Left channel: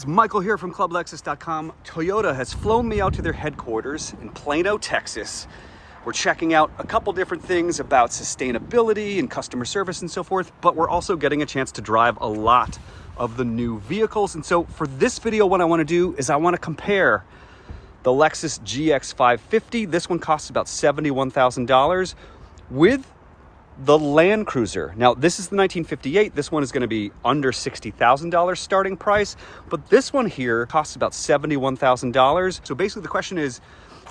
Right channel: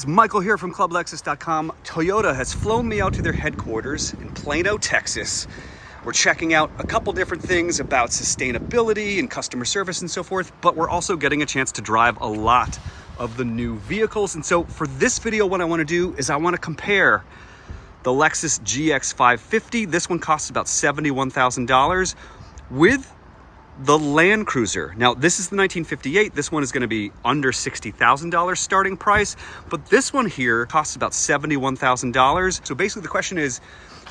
It's Michael here from ClubLexus.com. Toyota has flown me out to their headquarters in Plano, Texas. We're checking out a couple different things about sustainability and customer service and so forth, but we're also getting a chance to drive a lot of the new vehicles. And so for this video, what I want to do is I want to compare the Lexus GX 550. This one costs about $71,000 with the Land Cruiser. Now, this is the 1958. This one is going to be under $60,000 starting price, but this one here costs about $71,000. So basically the question is,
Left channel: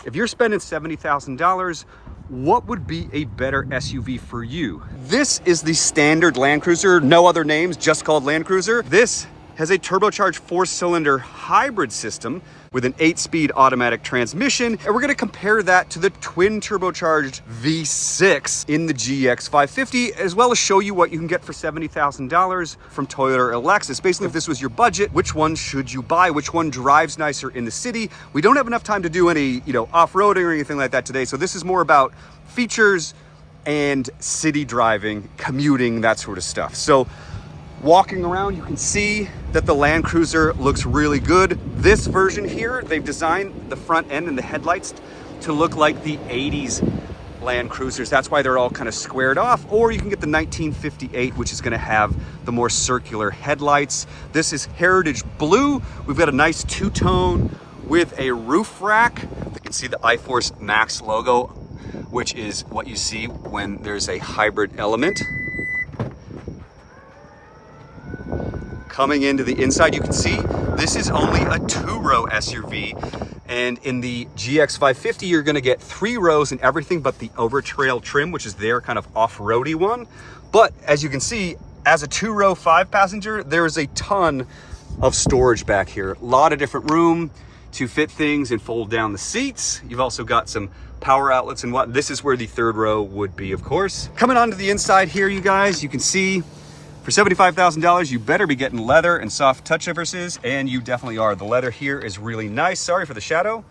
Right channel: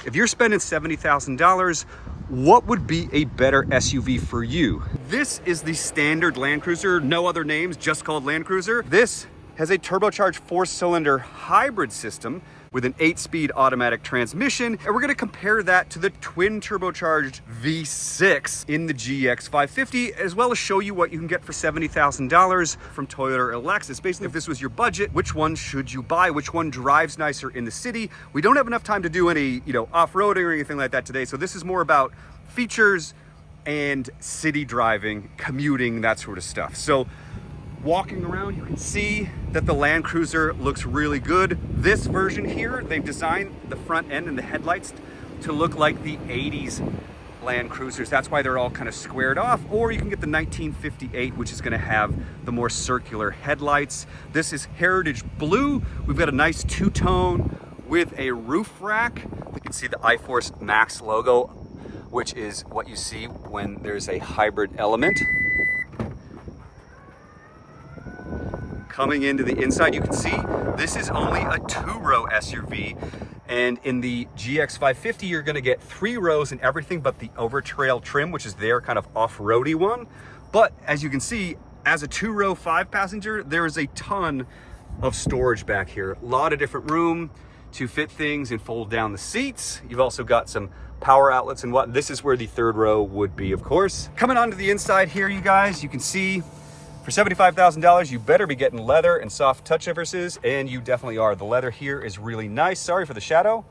if you're spending $70,000, what would be a better SUV for you? This is the standard Land Cruiser, no other names, just called Land Cruiser. This has a turbocharged 4-cylinder hybrid system with an 8-speed automatic transmission. And we're gonna compare that to the twin turbocharged V6 in the GX 550, as well as show you what you can get for $70,000 from Toyota or Lexus. Basically, if this was your budget, which one should you buy? Which one drives nicer in the city? We don't have enough time to do any, off-roading or anything like that today. So this is more about features and city driving, commuting, that sort of stuff. So walking around, you can see that the Land Cruiser looks really good. This version here, they've designed the front end and the headlights to look like the 80s Land Cruisers. That's why they're all kind of squared off. Or you can get the 1958, which is going to have the more circular headlights. This is Heritage Blue. We've got a nice two-tone with a roof rack. You can see the iForce Max logo, which is what you see when there's a hybrid element. Coming into the inside, you can see this is only a 2-row SUV. And in the GX 550, you're gonna get 3 rows and everything but the Overtrail trim, which is their kind of off-roady one. But as you can see, as a 2-row 5-passenger, there is a ton of storage back here. A lot of different room to fit things and fold down the seats. You've also got some power outlets and what. This is where the 3rd row would be, of course. Coming onto the inside here, you guys, you can see for $75,000, you better be getting leather and soft touch surfaces, and you definitely are. The leather here is really nice. Sorry for the shadow,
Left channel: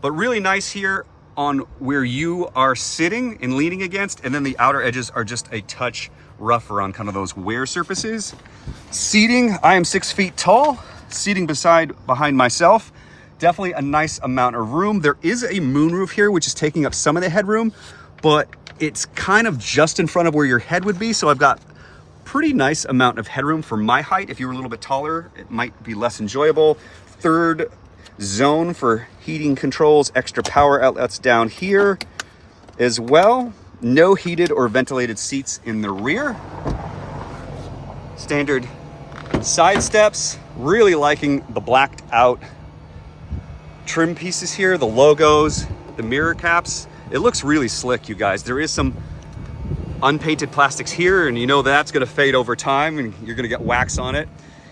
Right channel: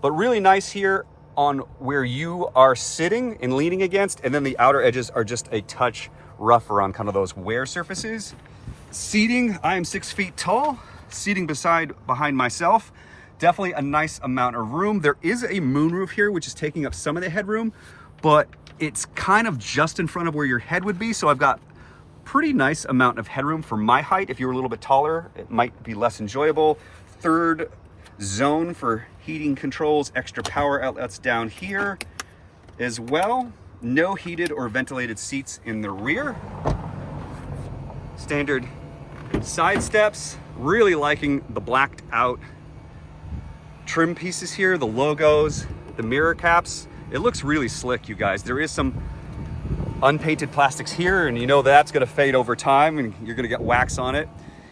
but really nice here on where you are sitting and leaning against, and then the outer edges are just a touch rougher on kind of those wear surfaces. Seating, I am 6 feet tall. Seating behind myself, definitely a nice amount of room. There is a moonroof here, which is taking up some of the headroom, but it's kind of just in front of where your head would be, so I've got pretty nice amount of headroom for my height. If you were a little bit taller, it might be less enjoyable. 3rd zone for heating controls, extra power outlets down here as well. No heated or ventilated seats in the rear. Standard side steps. Really liking the blacked out trim pieces here, the logos, the mirror caps. It looks really slick, you guys. There is some unpainted plastics here, and you know that's going to fade over time and you're going to get wax on it.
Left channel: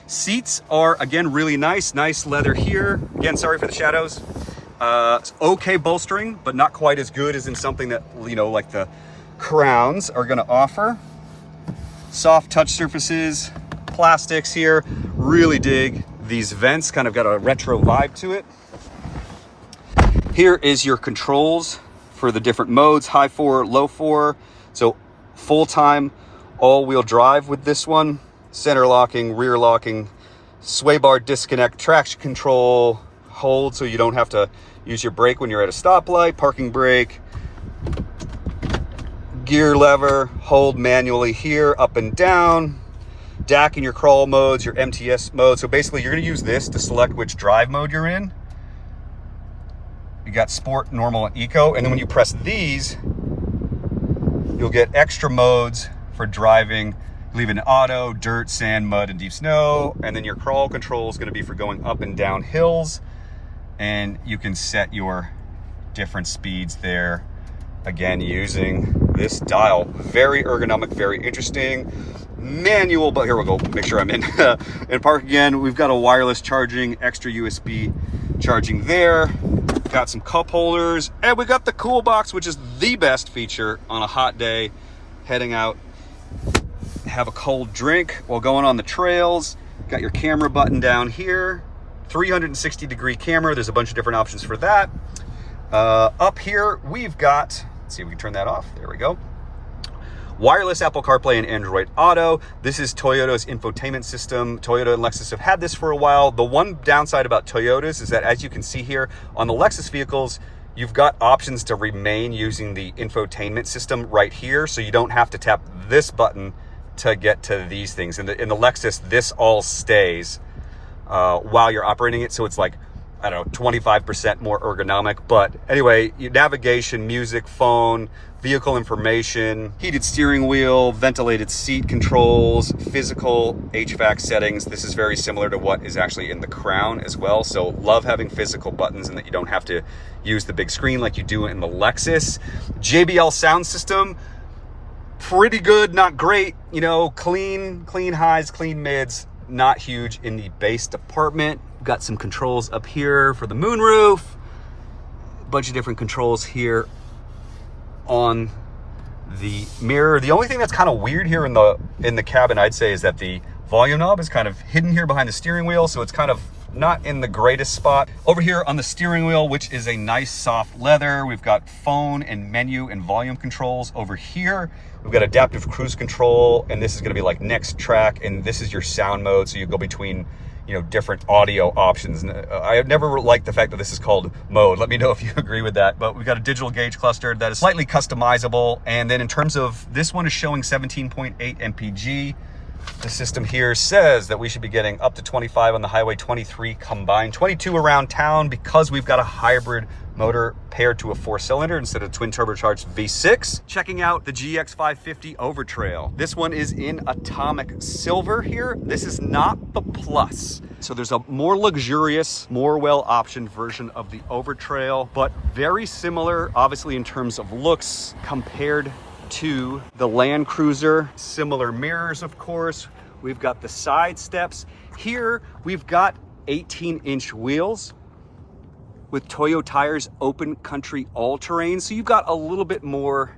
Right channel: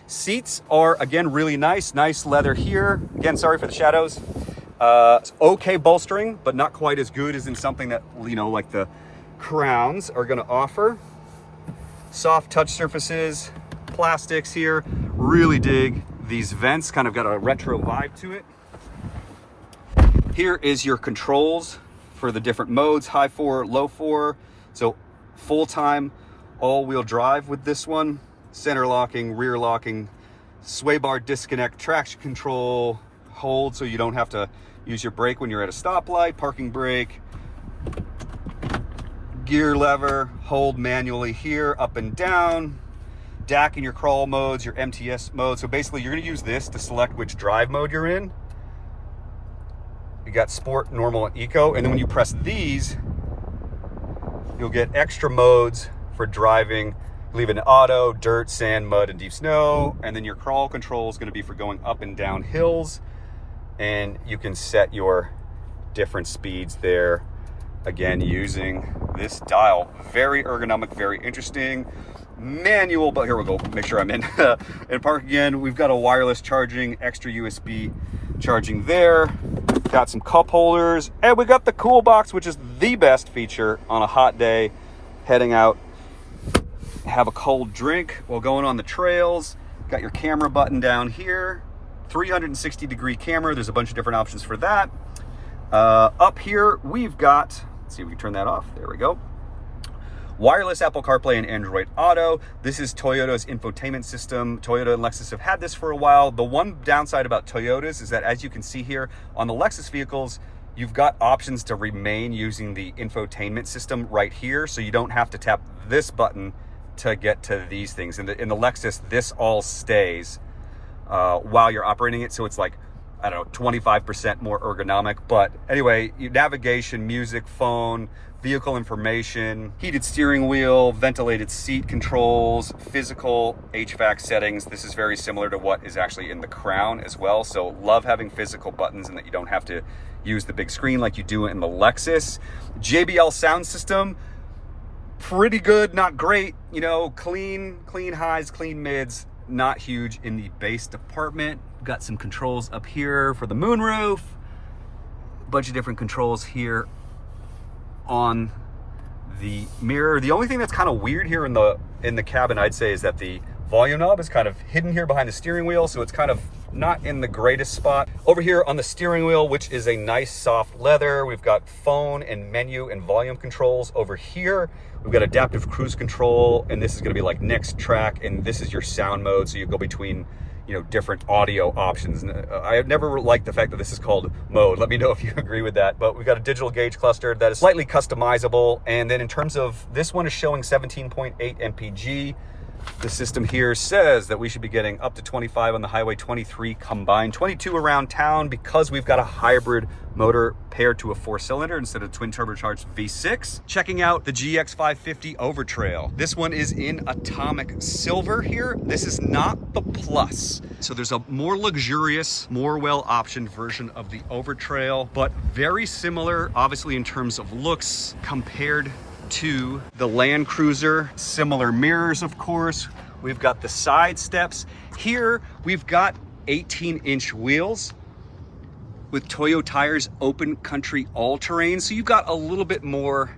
Seats are, again, really nice leather here. Again, sorry for the shadows. Okay bolstering, but not quite as good as in something that, like the Crowns are going to offer. Soft touch surfaces, plastics here. Really dig these vents, kind of got a retro vibe to it. Here is your controls for the different modes, high 4, low 4. So full-time all-wheel drive with this one. Center locking, rear locking, sway bar disconnect, traction control, hold so you don't have to use your brake when you're at a stoplight, parking brake, gear lever, hold manually here, up and down, DAC in your crawl modes, your MTS mode. So basically you're gonna use this to select which drive mode you're in. You got sport, normal, and eco. And then when you press these, you'll get extra modes for driving, leaving auto, dirt, sand, mud, and deep snow. And then your crawl control is going to be for going up and down hills. And you can set your different speeds there, again, using this dial. Very ergonomic, very interesting. Manual, but here we'll go, make sure I'm in. And park again, we've got a wireless charging, extra USB charging there. Got some cup holders, and we got the cool box, which is the best feature on a hot day, heading out, have a cold drink while going on the trails. Got your camera button down here, 360-degree camera. There's a bunch of different options for that. Up here, we've got, let's see if we can turn that off. There we go. wireless Apple CarPlay and Android Auto. This is Toyota's infotainment system. Toyota and Lexus have had this for a while. The one downside about Toyotas is that, as you can see here, on the Lexus vehicles, you've got options to remain using the infotainment system right here, so you don't have to tap this button to get to these things. In the Lexus, this all stays while you're operating it, so it's like, I don't know, 25% more ergonomic. But anyway, navigation, music, phone, vehicle information, heated steering wheel, ventilated seat controls, physical HVAC settings. This is very similar to what is actually in the Crown as well. So love having physical buttons and that you don't have to use the big screen like you do in the Lexus. JBL sound system, pretty good, not great. You know, clean highs, clean mids, not huge in the bass department. We've got some controls up here for the moonroof, a bunch of different controls here on the mirror. The only thing that's kind of weird here in the cabin, I'd say, is that the volume knob is kind of hidden here behind the steering wheel, so it's kind of not in the greatest spot. Over here on the steering wheel, which is a nice soft leather, we've got phone and menu and volume controls. Over here, we've got adaptive cruise control, and this is gonna be like next track, and this is your sound mode, so you go between, you know, different audio options. I never liked the fact that this is called mode. Let me know if you agree with that. But we've got a digital gauge cluster that is slightly customizable. And then in terms of, this one is showing 17.8 mpg. The system here says that we should be getting up to 25 on the highway, 23 combined, 22 around town, because we've got a hybrid motor paired to a 4-cylinder instead of twin turbocharged V6. Checking out the GX550 Overtrail. This one is in atomic silver here. This is not the Plus. So there's a more luxurious, more well-optioned version of the Overtrail, but very similar, obviously, in terms of looks compared to the Land Cruiser. Similar mirrors, of course. We've got the side steps. Here, we've got 18-inch wheels with Toyo tires, open country all-terrain. So you've got a little bit more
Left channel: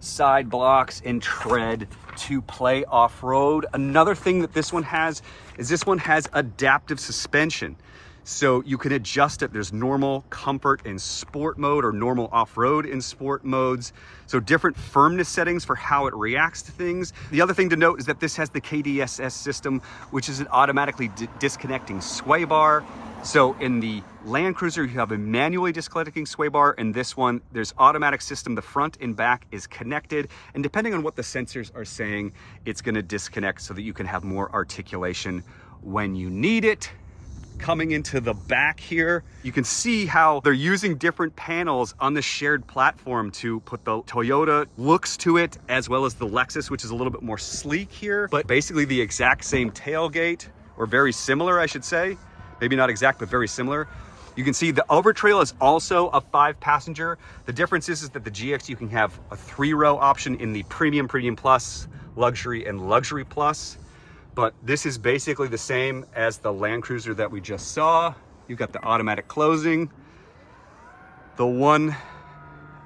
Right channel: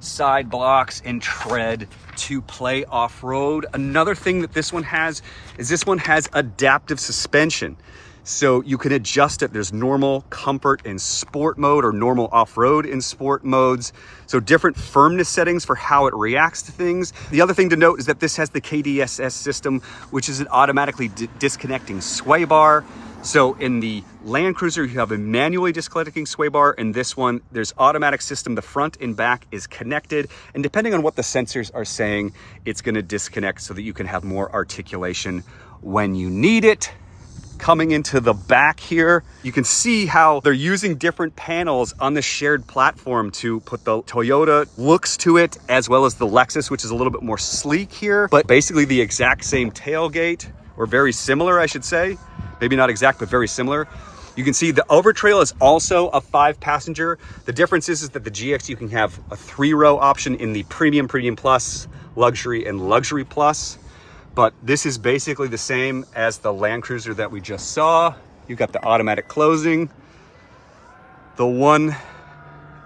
side blocks and tread to play off-road. Another thing that this one has is this one has adaptive suspension. So you can adjust it. There's normal, comfort, and sport mode, or normal off-road and sport modes. So different firmness settings for how it reacts to things. The other thing to note is that this has the KDSS system, which is an automatically disconnecting sway bar. So in the Land Cruiser, you have a manually disconnecting sway bar. In this one, there's automatic system. The front and back is connected. And depending on what the sensors are saying, it's gonna disconnect so that you can have more articulation when you need it. Coming into the back here, you can see how they're using different panels on the shared platform to put the Toyota looks to it, as well as the Lexus, which is a little bit more sleek here, but basically the exact same tailgate, or very similar, I should say. Maybe not exact, but very similar. You can see the Overtrail is also a 5-passenger. The difference is that the GX, you can have a 3-row option in the Premium, Premium Plus, Luxury, and Luxury Plus. But this is basically the same as the Land Cruiser that we just saw. You've got the automatic closing. The one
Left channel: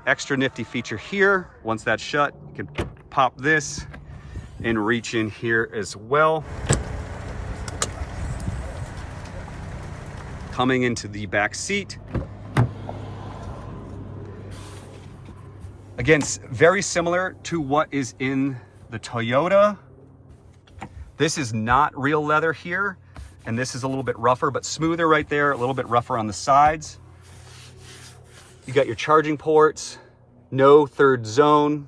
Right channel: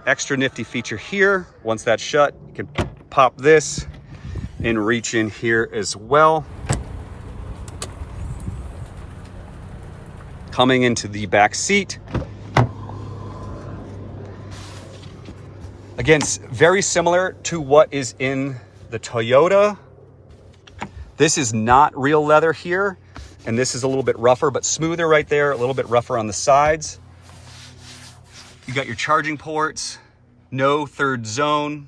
extra nifty feature here, once that's shut, you can pop this and reach in here as well. Coming into the back seat. Again, very similar to what is in the Toyota. This is not real leather here, and this is a little bit rougher, but smoother right there, a little bit rougher on the sides. You got your charging ports, no third zone,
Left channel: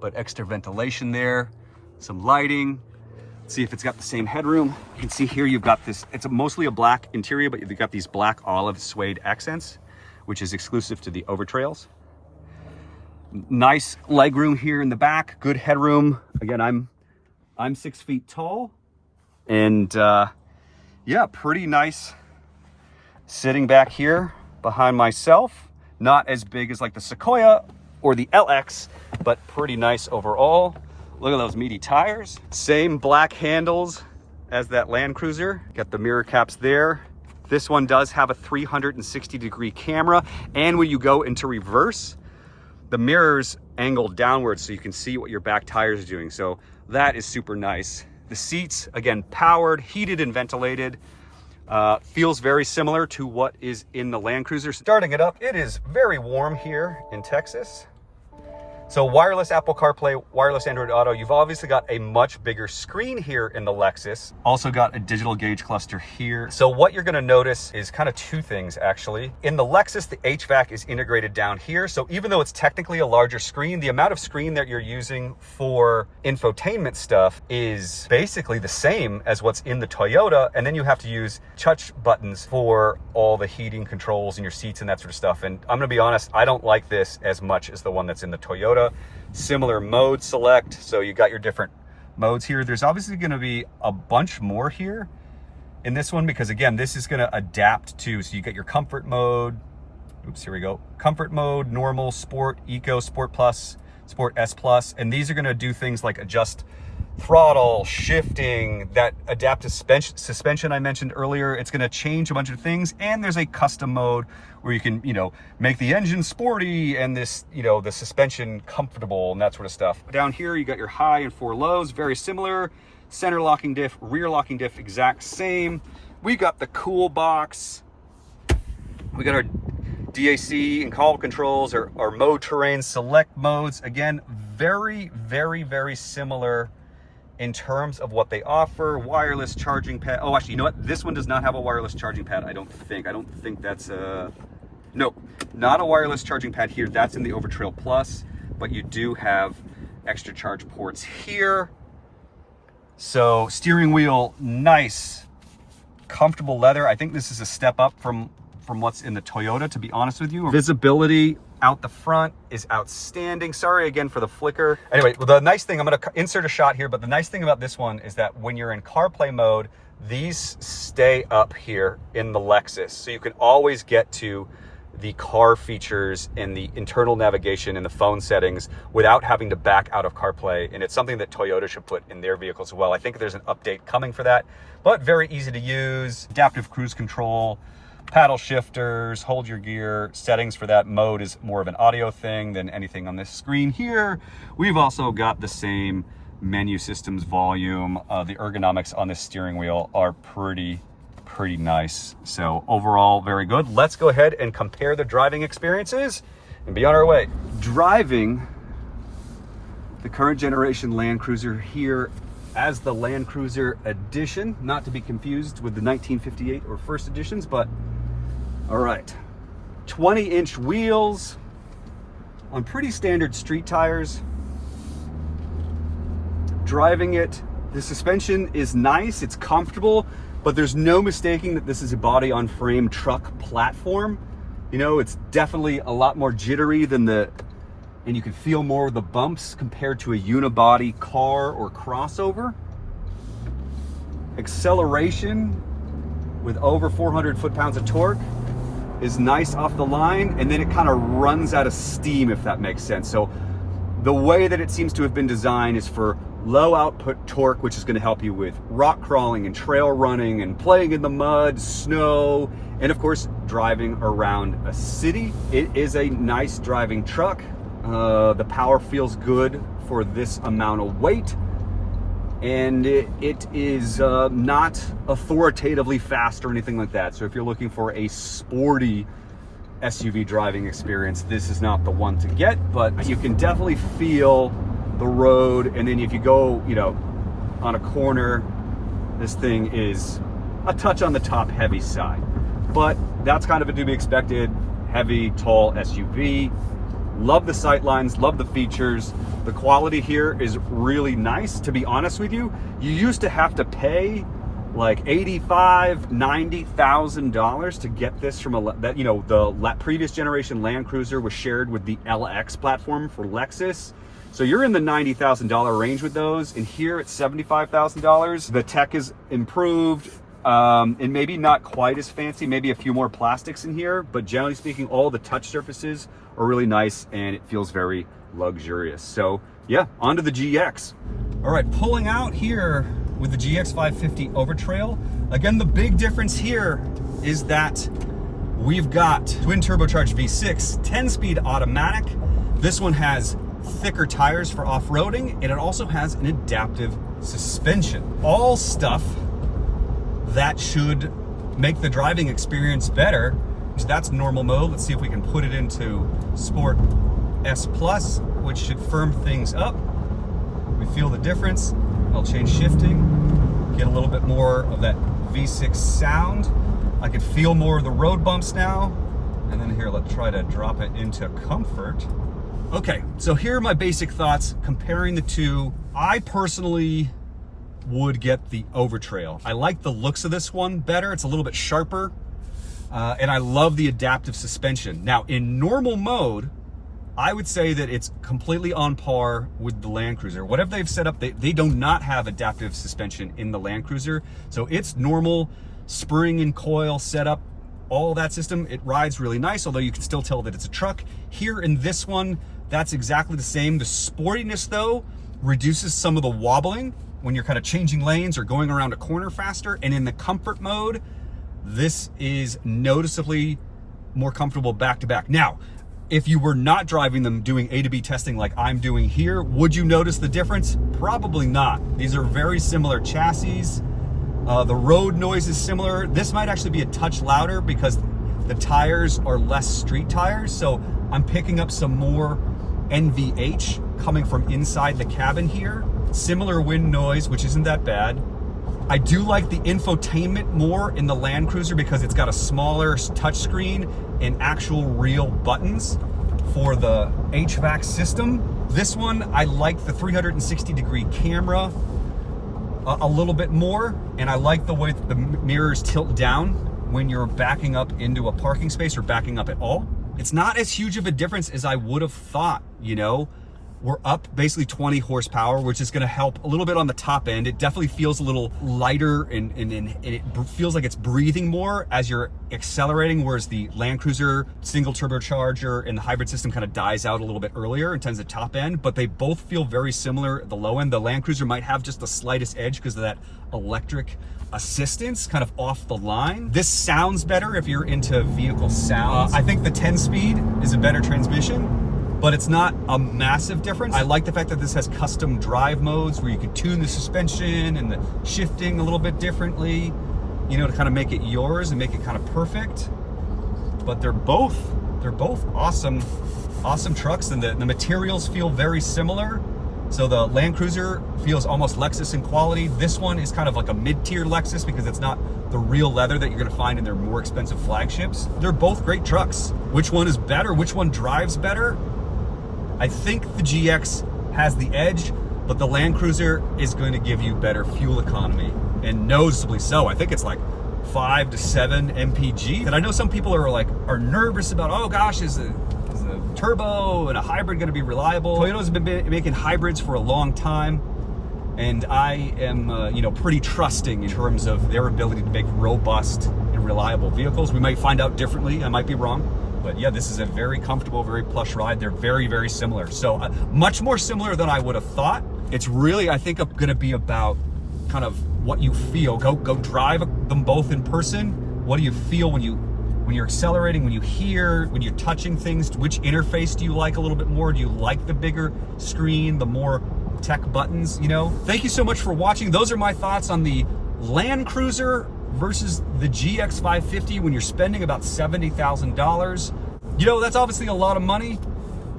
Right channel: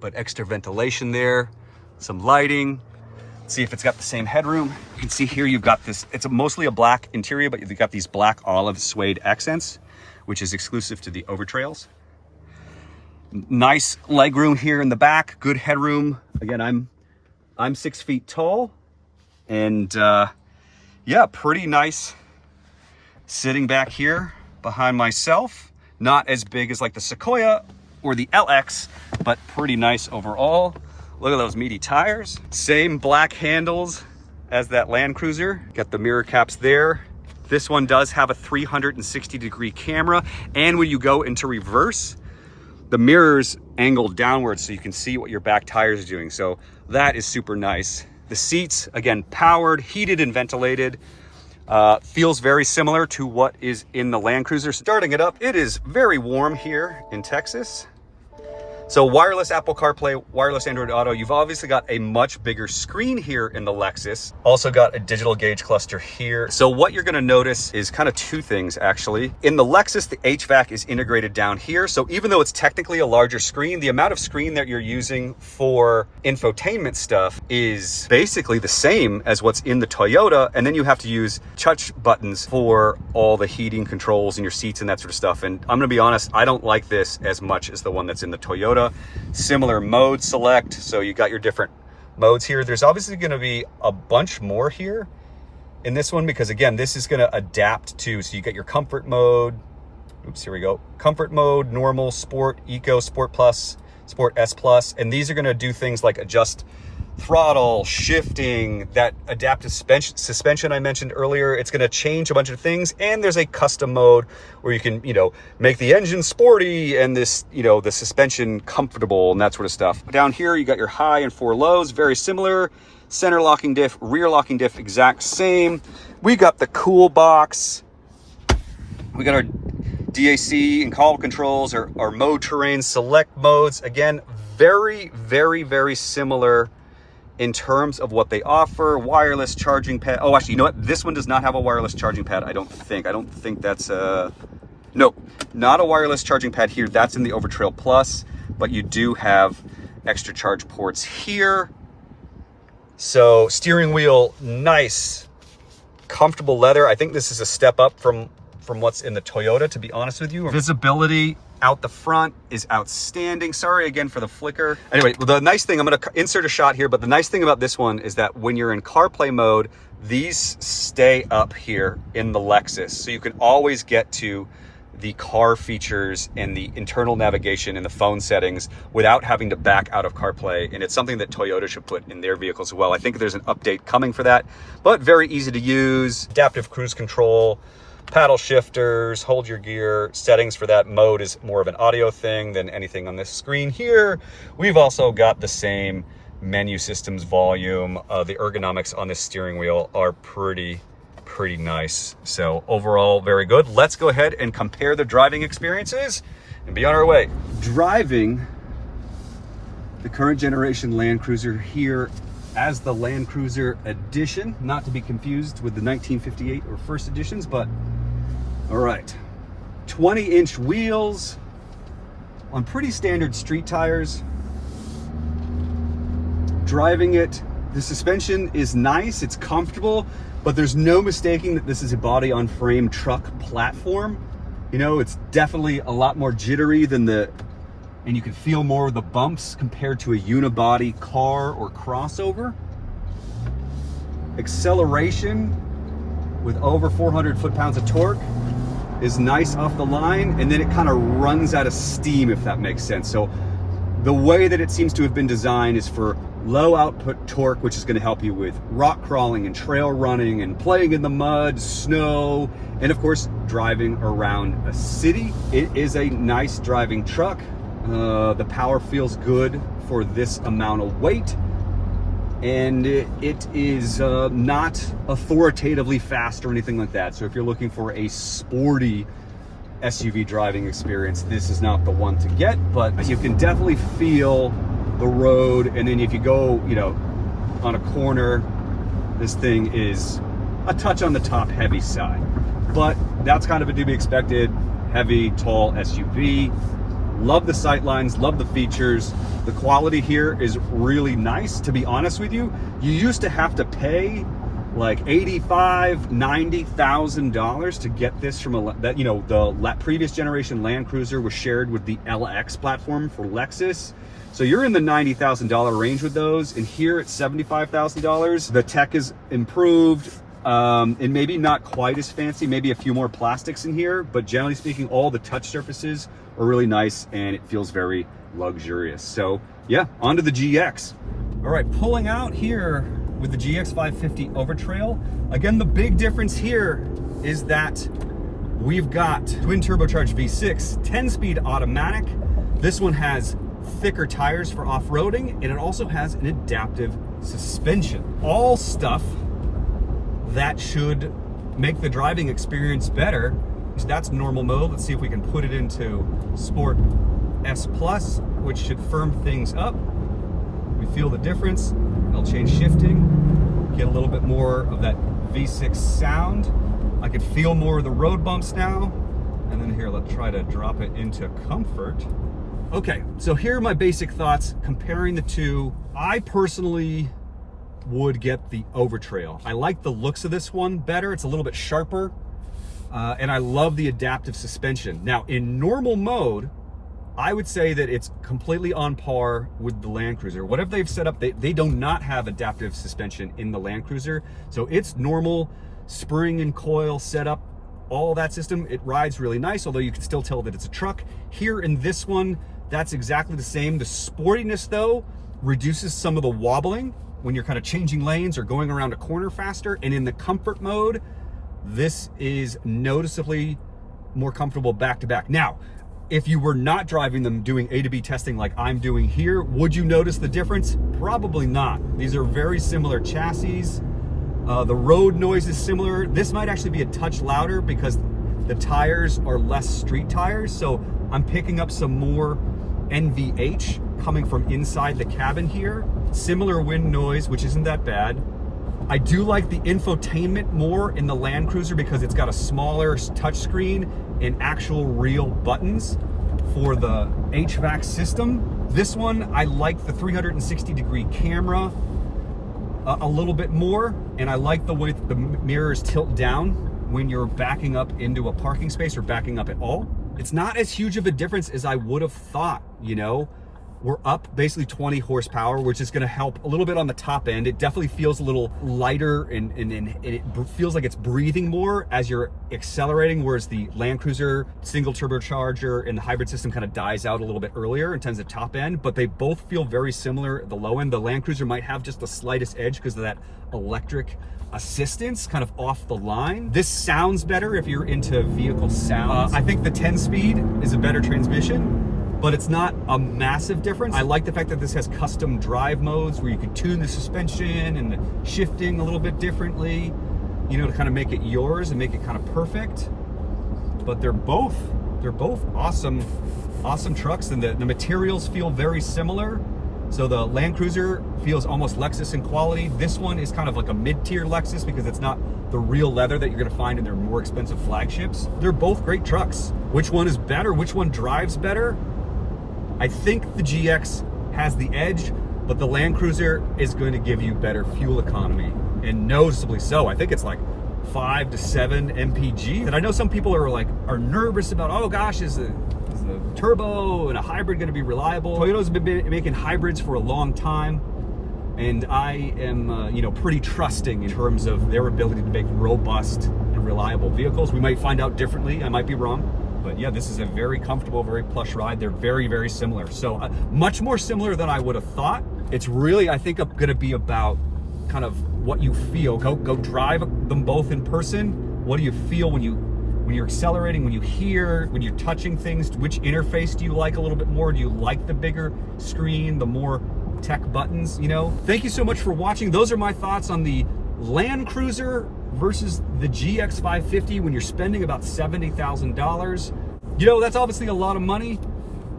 but extra ventilation there, some lighting. See if it's got the same headroom. You can see here you've got this, it's mostly a black interior, but you've got these black olive suede accents, which is exclusive to the Overtrails. Nice legroom here in the back, good headroom. Again, I'm 6 feet tall, and yeah, pretty nice sitting back here behind myself. Not as big as like the Sequoia or the LX, but pretty nice overall. Look at those meaty tires. Same black handles as that Land Cruiser. Got the mirror caps there. This one does have a 360-degree camera, and when you go into reverse, the mirror's angled downwards so you can see what your back tires are doing. So that is super nice. The seats, again, powered, heated, and ventilated. Feels very similar to what is in the Land Cruiser. Starting it up, it is very warm here in Texas. So wireless Apple CarPlay, wireless Android Auto. You've obviously got a much bigger screen here in the Lexus. Also got a digital gauge cluster here. So what you're gonna notice is kind of two things actually. In the Lexus, the HVAC is integrated down here. So even though it's technically a larger screen, the amount of screen that you're using for infotainment stuff is basically the same as what's in the Toyota. And then you have to use touch buttons for all the heating controls in your seats and that sort of stuff. And I'm gonna be honest, I don't like this as much as the one that's in the Toyota. Similar mode select, so you got your different modes here. There's obviously going to be a bunch more here in this one because again, this is going to adapt to, so you got your comfort mode. Oops, here we go. Comfort mode, normal, sport, eco, sport plus, sport S plus, and these are going to do things like adjust throttle, shifting, that adaptive suspension I mentioned earlier. It's going to change a bunch of things, and there's a custom mode where you can, make the engine sporty and this, the suspension comfortable and that sort of stuff. Down here, you got your high and 4 lows, very similar. Center locking diff, rear locking diff, exact same. We got the cool box. We got our DAC and call controls, our mode terrain select modes. Again, very, very, very similar in terms of what they offer. Wireless charging pad. Oh, actually, you know what? This one does not have a wireless charging pad, I don't think. I don't think that's no, not a wireless charging pad here. That's in the Overtrail Plus, but you do have extra charge ports here. So steering wheel, nice, comfortable leather. I think this is a step up from what's in the Toyota, to be honest with you. Visibility out the front is outstanding. Sorry again for the flicker. Anyway, the nice thing, I'm gonna insert a shot here, but the nice thing about this one is that when you're in CarPlay mode, these stay up here in the Lexus. So you can always get to the car features and the internal navigation and the phone settings without having to back out of CarPlay. And it's something that Toyota should put in their vehicles as well. I think there's an update coming for that, but very easy to use. Adaptive cruise control, paddle shifters, hold your gear. Settings for that mode is more of an audio thing than anything on this screen here. We've also got the same menu systems, volume. The ergonomics on this steering wheel are pretty nice. So overall, very good. Let's go ahead and compare the driving experiences and be on our way. Driving the current generation Land Cruiser here as the Land Cruiser Edition, not to be confused with the 1958 or first editions, but all right. 20-inch wheels on pretty standard street tires. Driving it, the suspension is nice, it's comfortable, but there's no mistaking that this is a body on frame truck platform. It's definitely a lot more jittery than and you can feel more of the bumps compared to a unibody car or crossover. Acceleration with over 400 foot-pounds of torque is nice off the line, and then it kind of runs out of steam, if that makes sense. So the way that it seems to have been designed is for low output torque, which is going to help you with rock crawling and trail running and playing in the mud, snow, and of course driving around a city. It is a nice driving truck. The power feels good for this amount of weight, and it is not authoritatively fast or anything like that. So if you're looking for a sporty SUV driving experience, this is not the one to get, but you can definitely feel the road. And then if you go, on a corner, this thing is a touch on the top heavy side, but that's kind of a to be expected heavy, tall SUV. Love the sight lines, love the features. The quality here is really nice. To be honest with you, you used to have to pay like $85,000, $90,000 to get this from the previous generation Land Cruiser was shared with the LX platform for Lexus. So you're in the $90,000 range with those, and here it's $75,000. The tech is improved. And maybe not quite as fancy, maybe a few more plastics in here, but generally speaking, all the touch surfaces are really nice and it feels very luxurious. So yeah, onto the GX. All right, pulling out here with the GX 550 Overtrail. Again, the big difference here is that we've got twin turbocharged V6, 10-speed automatic. This one has thicker tires for off-roading, and it also has an adaptive suspension. All stuff that should make the driving experience better. So that's normal mode. Let's see if we can put it into sport S Plus, which should firm things up. We feel the difference. I'll change shifting, get a little bit more of that V6 sound. I can feel more of the road bumps now. And then here, let's try to drop it into comfort. Okay, so here are my basic thoughts comparing the two. I personally would get the Overtrail. I like the looks of this one better. It's a little bit sharper. And I love the adaptive suspension. Now, in normal mode, I would say that it's completely on par with the Land Cruiser. Whatever they've set up, they do not have adaptive suspension in the Land Cruiser. So it's normal spring and coil setup, all that system. It rides really nice, although you can still tell that it's a truck. Here in this one, that's exactly the same. The sportiness, though, reduces some of the wobbling when you're kind of changing lanes or going around a corner faster. And in the comfort mode, this is noticeably more comfortable back to back. Now, if you were not driving them doing A to B testing like I'm doing here, would you notice the difference? Probably not. These are very similar chassis. The road noise is similar. This might actually be a touch louder because the tires are less street tires. So I'm picking up some more NVH coming from inside the cabin here. Similar wind noise, which isn't that bad. I do like the infotainment more in the Land Cruiser because it's got a smaller touchscreen and actual real buttons for the HVAC system. This one, I like the 360-degree camera a little bit more, and I like the way the mirrors tilt down when you're backing up into a parking space or backing up at all. It's not as huge of a difference as I would have thought, you know? We're up basically 20 horsepower, which is going to help a little bit on the top end. It definitely feels a little lighter and it feels like it's breathing more as you're accelerating, whereas the Land Cruiser single turbocharger and the hybrid system kind of dies out a little bit earlier in terms of top end, but they both feel very similar at the low end. The Land Cruiser might have just the slightest edge because of that electric assistance kind of off the line. This sounds better if you're into vehicle sounds. I think the 10-speed is a better transmission, but it's not a massive difference. I like the fact that this has custom drive modes where you can tune the suspension and the shifting a little bit differently, you know, to kind of make it yours and make it kind of perfect. But they're both awesome trucks, and the materials feel very similar. So the Land Cruiser feels almost Lexus in quality. This one is kind of like a mid-tier Lexus because it's not the real leather that you're gonna find in their more expensive flagships. They're both great trucks. Which one is better? Which one drives better? I think the GX has the edge, but the Land Cruiser is going to give you better fuel economy, and noticeably so. I think it's like 5 to 7 mpg. And I know some people are nervous about, oh gosh, is a turbo and a hybrid going to be reliable? Toyota's been making hybrids for a long time, and I am pretty trusting in terms of their ability to make robust and reliable vehicles. We might find out differently. I might be wrong. But yeah, this is a very comfortable, very plush ride. They're very, very similar. So much more similar than I would have thought. It's really, I think, going to be about kind of what you feel. Go drive them both in person. What do you feel when you're accelerating, when you hear, when you're touching things? Which interface do you like a little bit more? Do you like the bigger screen, the more tech buttons, you know? Thank you so much for watching. Those are my thoughts on the Land Cruiser versus the GX 550 when you're spending about $70,000. You know, that's obviously a lot of money,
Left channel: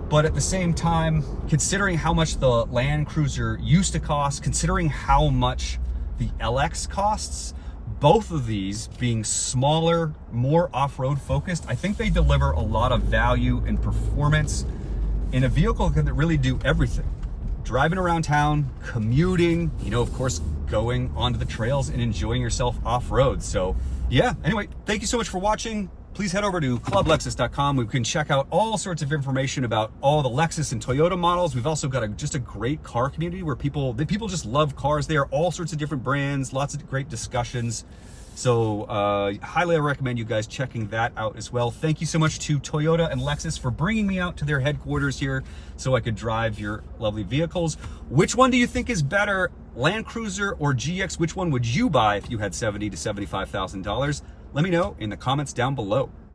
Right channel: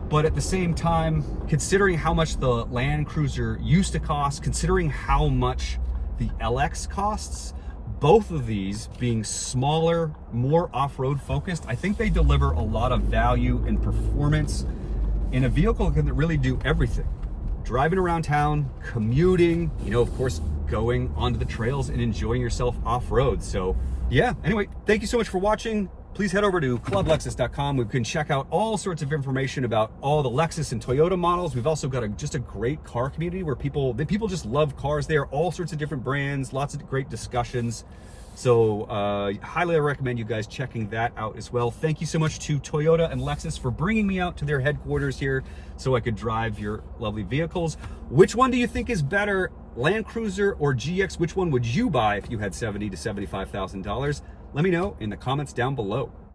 but at the same time, considering how much the Land Cruiser used to cost, considering how much the LX costs, both of these being smaller, more off-road focused, I think they deliver a lot of value and performance in a vehicle that can really do everything. Driving around town, commuting, you know, of course, going onto the trails and enjoying yourself off-road. So yeah, anyway, thank you so much for watching. Please head over to clublexus.com. We can check out all sorts of information about all the Lexus and Toyota models. We've also got just a great car community where people just love cars there, all sorts of different brands, lots of great discussions. So highly recommend you guys checking that out as well. Thank you so much to Toyota and Lexus for bringing me out to their headquarters here so I could drive your lovely vehicles. Which one do you think is better, Land Cruiser or GX? Which one would you buy if you had $70,000 to $75,000? Let me know in the comments down below.